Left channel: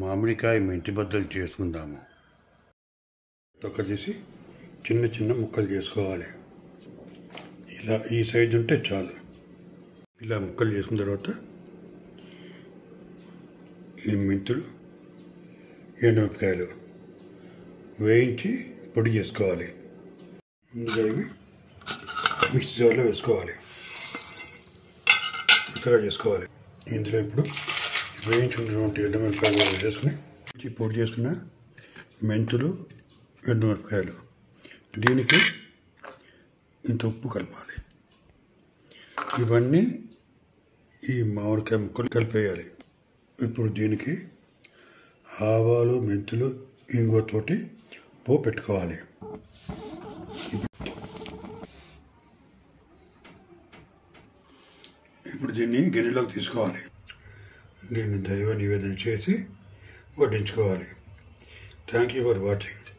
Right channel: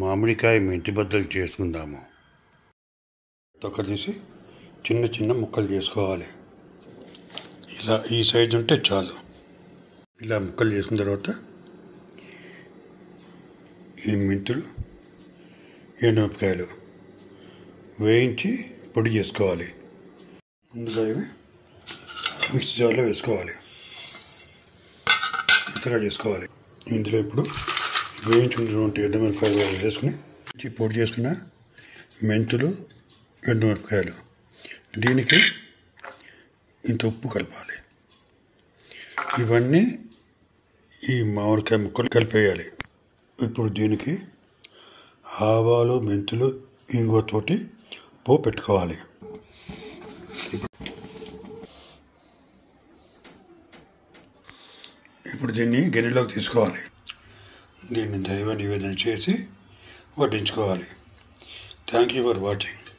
మామిడికాయ మెంతి బద్దలు చేసుకుందాము. తొక్క తీసి చిన్న చిన్న ముక్కలు చేసుకోవాలి. ఇలా ఈ సైజు ఉంటే చాలు. ఇలా ముక్కలు చేసుకున్న తర్వాత ఈ మెంతులు, ఎండుమిరపకాయలు వేయించి పొడి చేసుకోవాలి. ముందుగా ఇవి మిక్సీ జార్లో వేసుకోవాలి, మెత్తగా చేసుకోవాలి. ఇందులో ఇప్పుడు వేయించుకున్నటువంటి ఎండుమిరపకాయలు వేసుకుని పొడి చేసుకున్న మెంతులు, ఎండుమిరపకాయలు, దీనికి ఇంత ఉప్పు కలపాలి. ఇవన్నీ ఈ మామిడికాయ ముక్కలు కలిపేయాలి. ఇప్పుడు దీనికి ఆవాలు, మెంతులు, ఇంగువతోటి పోపు పెట్టుకోవాలి. ఇప్పుడు దీన్ని గిన్నెలోకి తీసుకోవాలి. దీన్ని దైవ నివేదన చేసి వడ్డించుకోవాలి. Thank you for watching.